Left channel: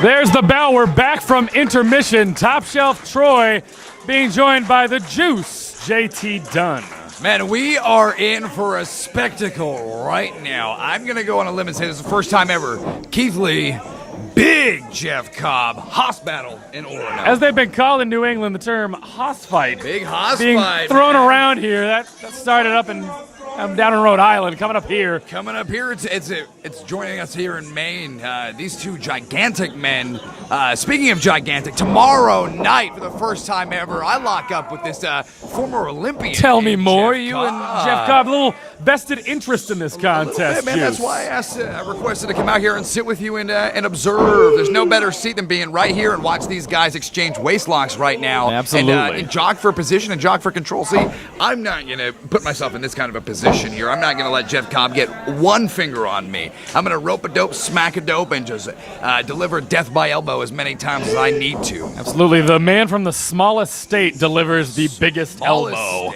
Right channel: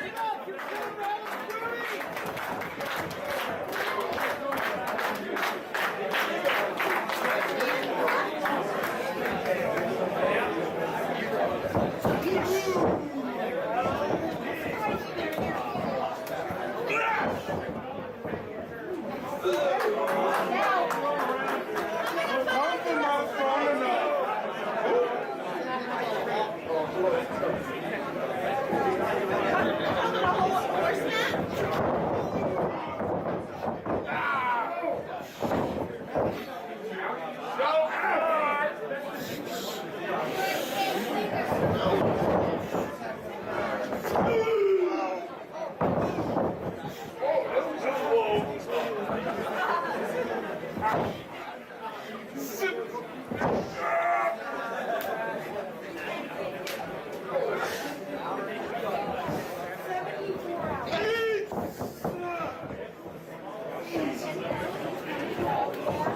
There's the bell. We're back from intermission. Top Shelf Troy being joined by the Juice, JT Dunn. Man, we are in for a spectacle right now. I'm going to go on a limb and say this is the first time ever. Keith Lee, big Jeff Cobb, hoss battle in Oregon. As they've been calling in New England, the term hoss fight. Big hoss being fight. Thrown around here. That started up in down in Rhode Island, coming up here. Coming up here, it's joining us here in Maine. These two gigantic men. Speaking of gigantic, tomorrow night, for the first time ever, I lock up with this former Olympian. Tell me more. Jeff You Cobb. and Jeff Cobb, a little vested interest in this contest. Yeah, man, that's why I requested to come out here and sit with you and observe. There's no better seat than being right here and watch these guys exchange waist locks right now. Absolutely. And jock for position and jock for control. See, I'm not going to put myself in this kind of a position here. I'm not going to let Jeff Cobb get one finger on me. I'm going to rope a dope, smack a dope, and just deliver death by elbow as many times as I need to. Absolutely. The man from the smallest state delivers the biggest elbow.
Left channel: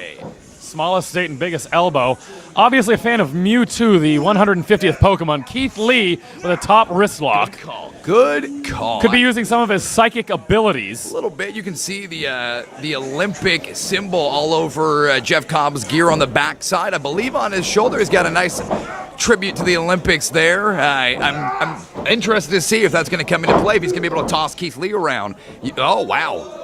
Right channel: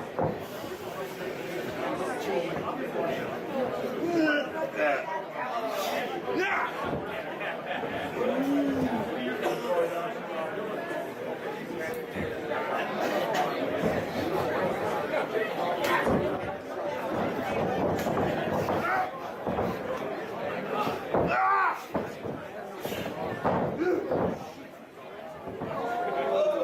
Smallest state and biggest elbow. Obviously a fan of Mewtwo, the 150th Pokemon. Keith Lee with a top wrist lock. Good call. Could be using some of his psychic abilities. A little bit. You can see the Olympic symbol all over Jeff Cobb's gear on the backside. I believe on his shoulder he's got a nice tribute to the Olympics there. I'm interested to see if that's going to come into play, if he's going to be able to toss Keith Lee around. Oh, wow.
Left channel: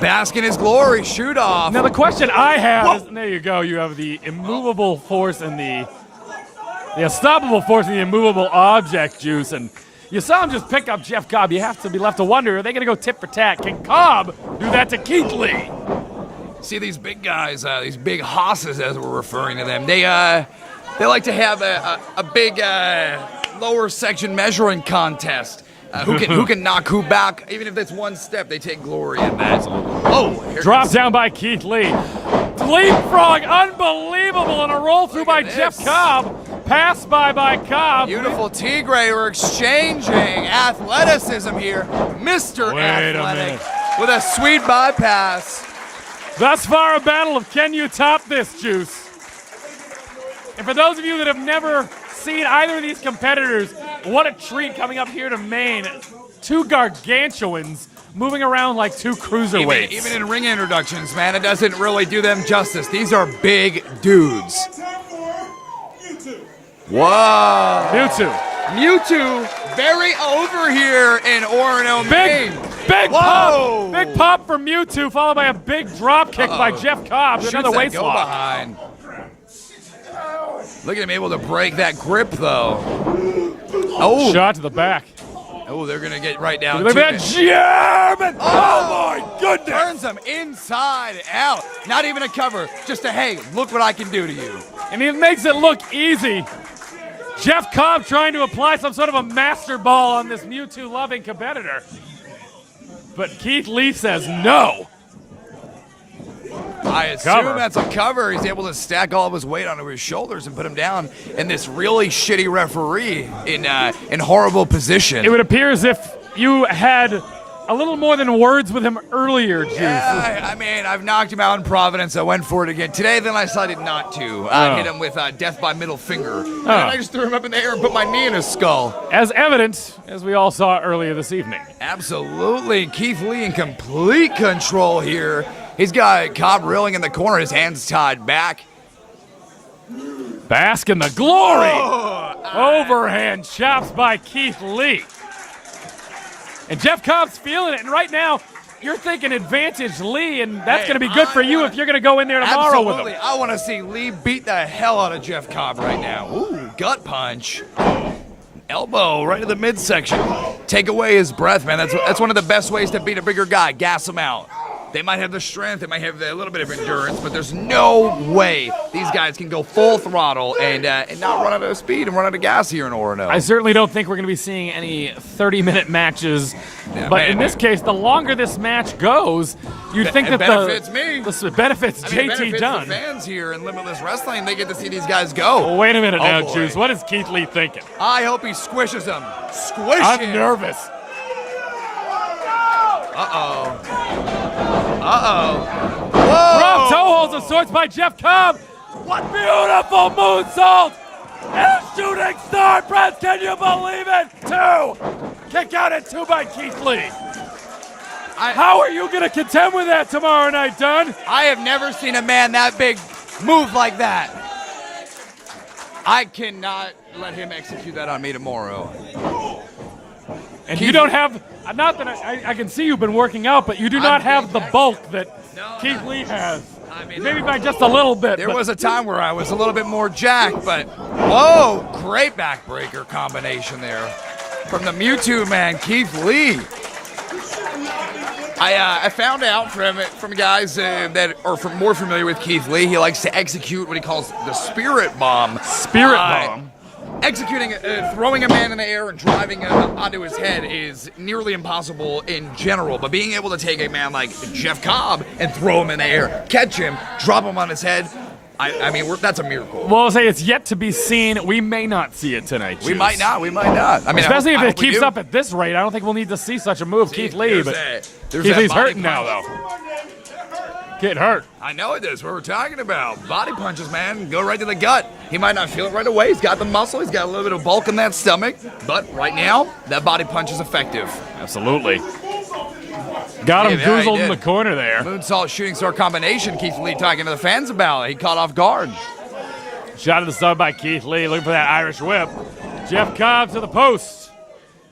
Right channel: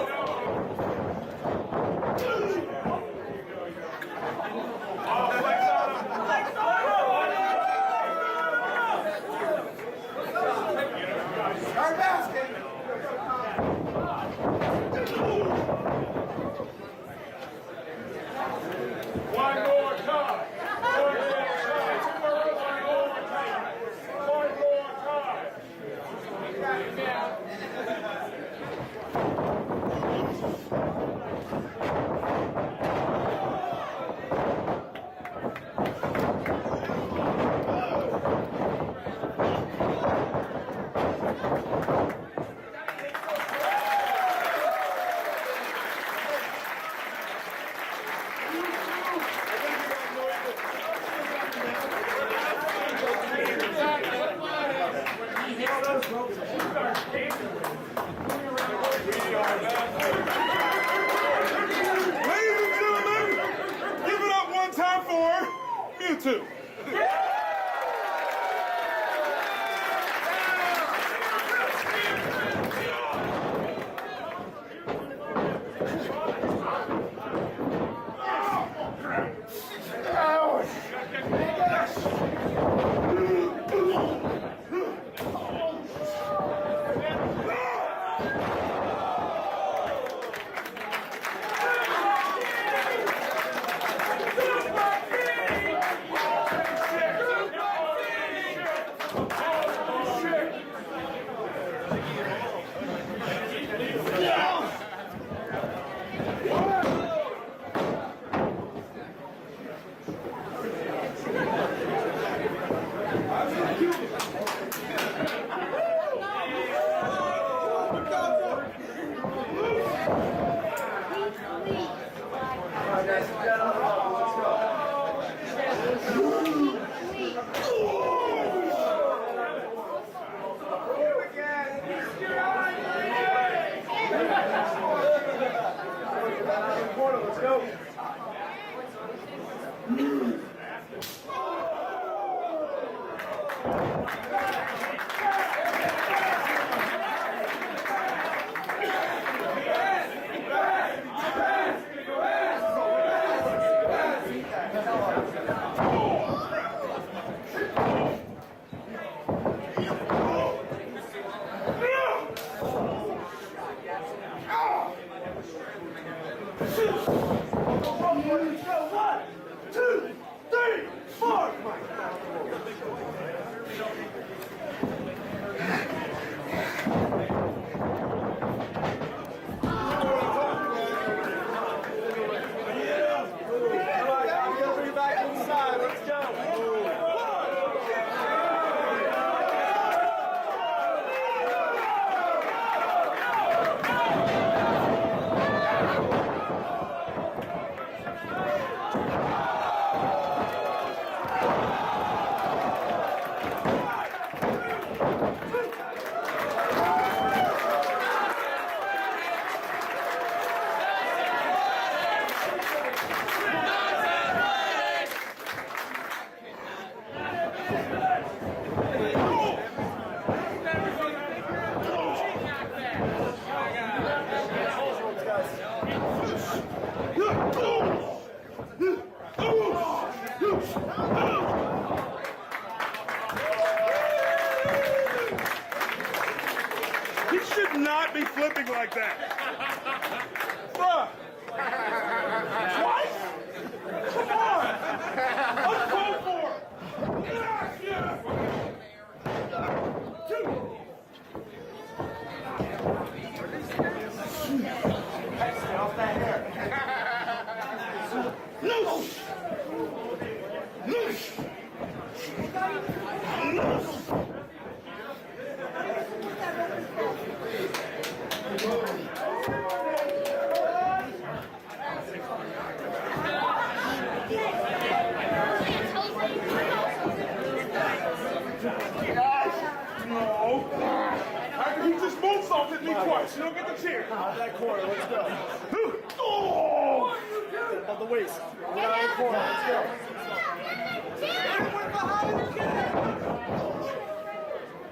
Bask in his glory, shoot off. Now the question I have is, there you go, you have the immovable force and the unstoppable force and the immovable object, Juice, and you saw him just pick up Jeff Cobb. You have to be left to wonder, are they going to go tit for tat? Can Cobb do that to Keith Lee? See these big guys, these big hosses as we're referring to them. They like to have a big lower section measuring contest. Who can knock who back? Even if it's one step, they take glory in that. Oh, drop down by Keith Lee. Leapfrog, unbelievable, and a roll through by Jeff Cobb. Pass by Cobb. Beautiful Tigre. We're exchanging athleticism here. Mr. Athletic with a sweet bypass. Thus far, a battle of can you top this, Juice? And for those of you that have never seen either of these competitors, what a treat coming up here to Maine. Two gargantuans moving around like two cruiserweights. Even in ring introductions, man, it doesn't really do them justice. These are big dudes. Time for Mewtwo. Whoa. Mewtwo. Very over here in Orono, Maine. Big pop. Big pop for Mewtwo, followed by a big drop kick by Jeff Cobb. Another waist lock. Behind. Look at him able to break that grip, though. Oh. Shot to the back. Oh, they're going to get right down Look to at it. that jab! Oh, my goodness! Turns them inside out. Not even a cover. Just a, hey, look what I can do to you. And he makes it look easy. Jeff Cobb trying to apply some sort of a master ball on this Mewtwo-loving competitor. But Keith Lee says no. I assume that's a cover. He's able to stack all of his weight onto his shoulders and put him down in this really shitty referee in horrible position. It would appear as if you had a little more than words with him earlier, Juice. Yeah, I mean, I've knocked him out in Providence. I went for it again today, then I decided not to. I hit him with death by middle finger. And then I just threw him up in the air and put my knee in his skull. As evident, as we all saw earlier this evening. Absolutely. Keith Lee in complete control here. He's got Cobb reeling in the corner, his hands tied back. Bask in the glory. Overhand chops by Keith Lee. And Jeff Cobb's feeling it. And right now, you're thinking advantage Lee, and that's going to be good for you if you're going to go in there tomorrow with him. I want to see Lee beat the hell out of Jeff Cobb right now. Ooh, gut punch. Elbow right in the midsection. Take away his breath, man. That's one of the best ways to beat a bigger guy. Gas him out. They might have the strength, they might have a little bit of endurance, but there's no way these guys can go full throttle and not run out of speed and run out of gas here in Orono. I certainly don't think we're going to be seeing any 30-minute matches, but in this case, the longer this match goes, you'd think that benefits me. This benefits JT Dunn. The fans here in Limitless Wrestling, they get to see these guys go. Well, wait a minute now, boy. Juice. What is Keith Lee thinking? I hope he squishes him. Squish I'm him. nervous. Whoa. Drop toe holds of sorts by Jeff Cobb. What beautiful moonsault! And a shooting Shooting star press, can you believe it? 2. Kick out at 2 by Keith Lee. How are you going to contend with that tomorrow night, Dunn? I have never seen a man that big move like that. I cannot let him execute that on me tomorrow. And you don't have, not that I can see you've been working out, but you do not have the bulk that Keith Lee has. Maybe by just a little bit. There was a time where I was a little bit more jacked, but oh, great backbreaker combination there from the Mewtwo man, Keith Lee. He should not be flipping. I found out from guys that are more familiar with Keith Lee, he likes to execute what he calls the spirit bomb. Spirit bomb. Executing, throwing a man in the air and driving him onto his head is nearly impossible in general, but being able to take a man like Jeff Cobb and throw him in the air, catch him, drop him on his head, I mean, that's a miracle. Well, I'll say it's yet to be seen. We may not see it tonight, Juice. We might not. I mean, especially if I it keeps up at this rate, I don't think we'll need to see such a move, Keith Lee. But Keith Lee's hurting now, though. Getting hurt. I know it is. What we're talking about. Body punches, man. Go right to the gut. He might not feel it right away. He's got the muscle. He's got a little bit of bulk in that stomach. But right now, that body punch is effective. Absolutely. Got him goozled in the corner there. Moonsault shooting star combination. Keith Lee talking to the fans about it. He caught off guard. Shot to the side by Keith Lee. Looking for that Irish whip. Jeff Cobb to the post.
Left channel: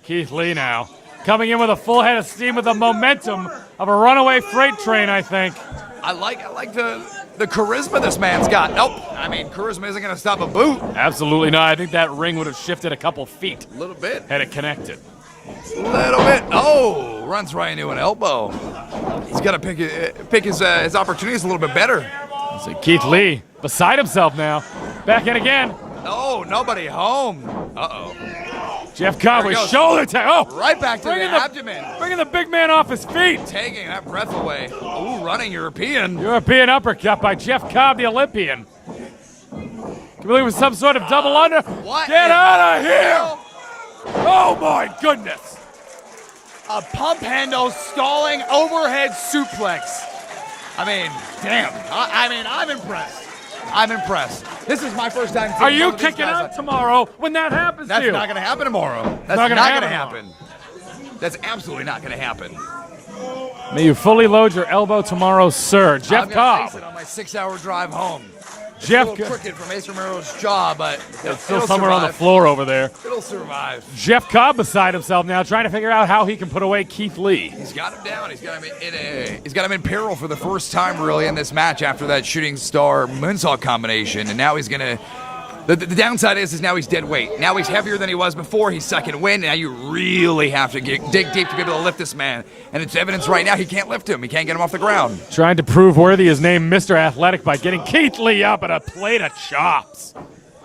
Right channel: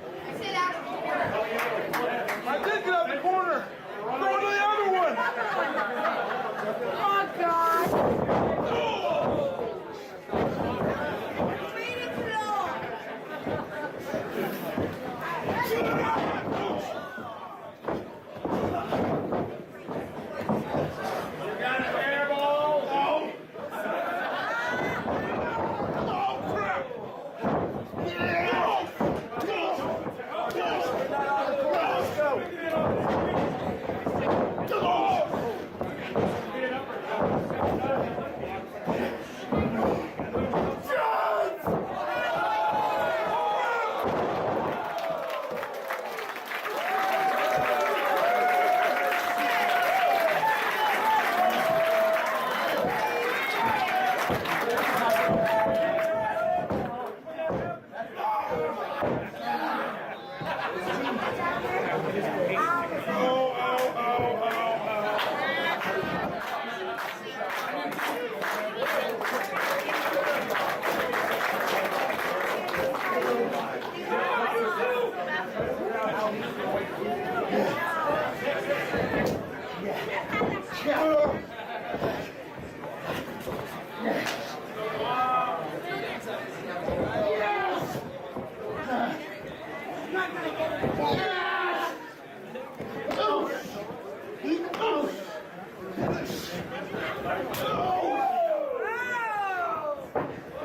Keith Lee now. Coming in with a full head of steam with the momentum of a runaway freight train, I think. I like the charisma this man's got. Nope. I mean, charisma isn't going to stop a boot. Absolutely not. I think that ring would have shifted a couple feet. A little bit. Had it connected. A little bit. Oh, runs right into an elbow. He's got to pick his opportunities a little bit better. So Keith Lee beside himself now. Back in again. No, nobody home. Uh-oh. Jeff Cobb with shoulder tap. Oh, right back to the abdomen. Bringing the big man off his feet. Taking that breath away. Ooh, running European. European uppercut by Jeff Cobb, the Olympian. Really was some sort of double under. What? Get out of here! Oh my goodness. A pump handle stalling overhead suplex. I mean, damn. I'm impressed. I'm impressed. This is my first time. Are you kicking out tomorrow when that happens to you? That's not going to happen tomorrow. That's not going to happen. That's absolutely not going to happen. May you fully load your elbow tomorrow, sir. Jeff Cobb. My 6-hour drive home. Jeff Crooked from Mason Rose's jaw, but still somewhere on the floor over there. It'll survive. Jeff Cobb beside himself now, trying to figure out how he can put away Keith Lee. He's got him down. He's got him in peril for the first time, really, in this match after that shooting star moonsault combination, and now he's gonna. The downside is now he's dead weight. Now he's heavier than he was before. He's second wind. Now you really have to dig deep to be able to lift this man. And it's evidence right now he can't lift him. He can't get him off the ground. Trying to prove worthy his name, Mr. Athletic, by getting Keith Lee up at a plate of chops.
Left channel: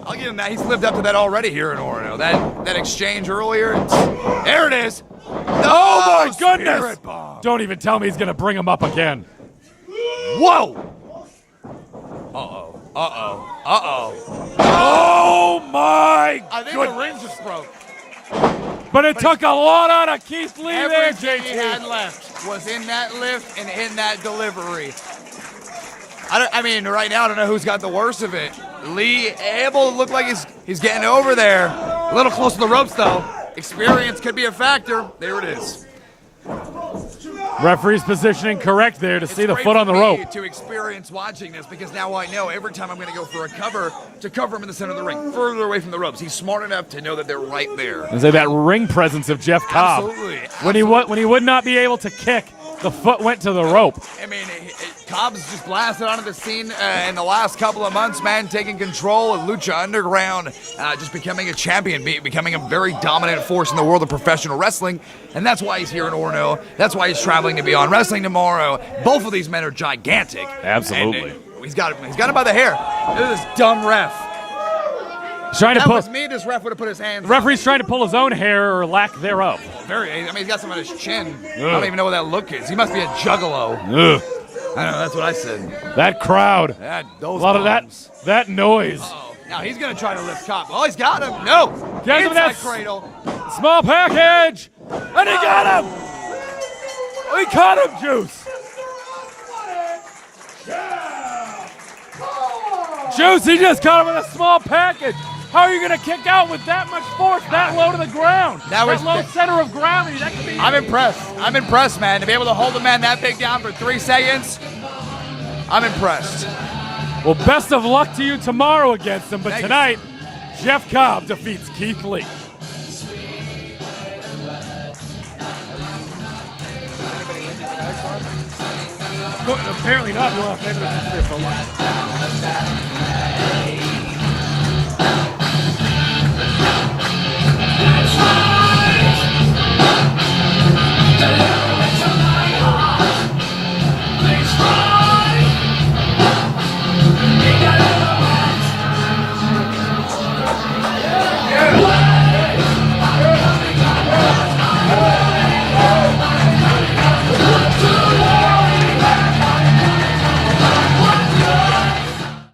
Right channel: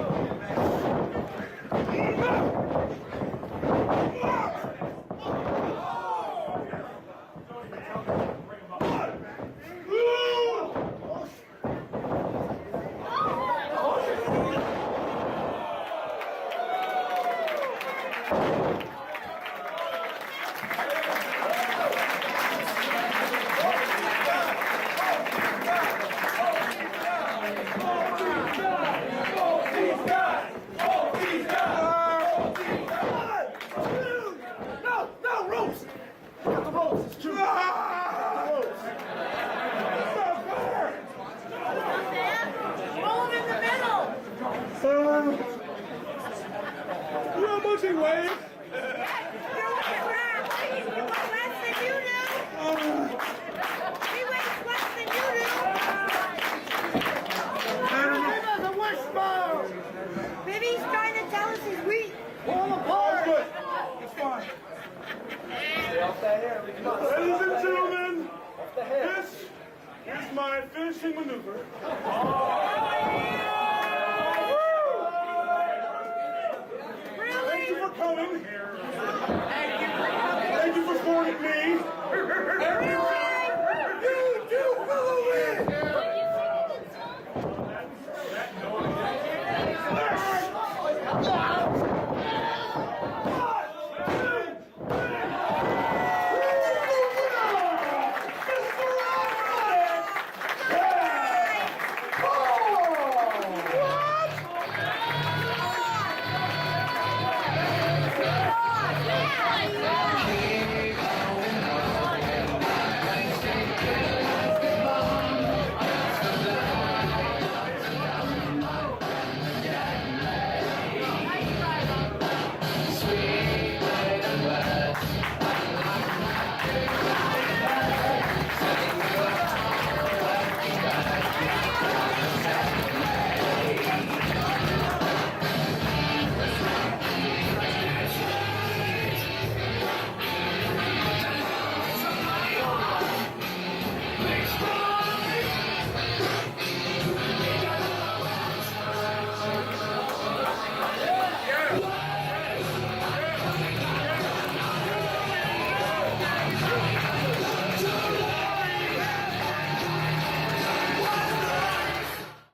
I'll give him that. He's lived up to that already here in Oro. That exchange earlier. There it is. Oh my goodness! Don't even tell me he's gonna bring him up again. Whoa! Oh my Good ring just broke. But it took a lot out of Keith Lee there, Everything he JT. had left was in that lift and in that delivery. I mean, right now I don't know who's got the worst of it. Lee able to look like he's getting over there. A little close to the ropes though. Experience could be a factor. There it is. Referee's positioning correct there to see the foot on the rope. To experience watching this, because now I know every time I'm going to go for a cover to cover him in the center of the ring, further away from the ropes. He's smart enough to know that they're right there. Is that ring presence of Jeff Cobb? Absolutely. When he would not be able to kick, the foot went to the rope. I mean, Cobb's just blasted onto the scene in the last couple of months, man, taking control of Lucha Underground, just becoming a champion, becoming a very dominant force in the world of professional wrestling, and that's why he's here in Orono. That's why he's traveling to Beyond Wrestling tomorrow. Both of these men are gigantic. Absolutely. And, he's got him by the hair. Look at this dumb ref. Trying to That put was me, this ref would have put his hands referee's trying to pull his own hair or lack thereof. I mean, he's got some on his chin. I don't even know what that look is. He must be a juggalo. Ugh. I know, that's what I said. That crowd. A lot of that noise. Now he's going to try to lift Cobb. Oh, he's got him. No. Get him Inside that cradle. small package. And he got him. He caught him, Juice. Juice, he just caught him with a small package. How are you going to kick out with that much force, that low to the ground? That was- low center of gravity. I'm impressed. I'm impressed, man. To be able to hold a man that big down for 3 seconds, I'm impressed. Well, best of luck to you tomorrow against him, but tonight, Jeff Cobb defeats Keith Lee. Apparently not.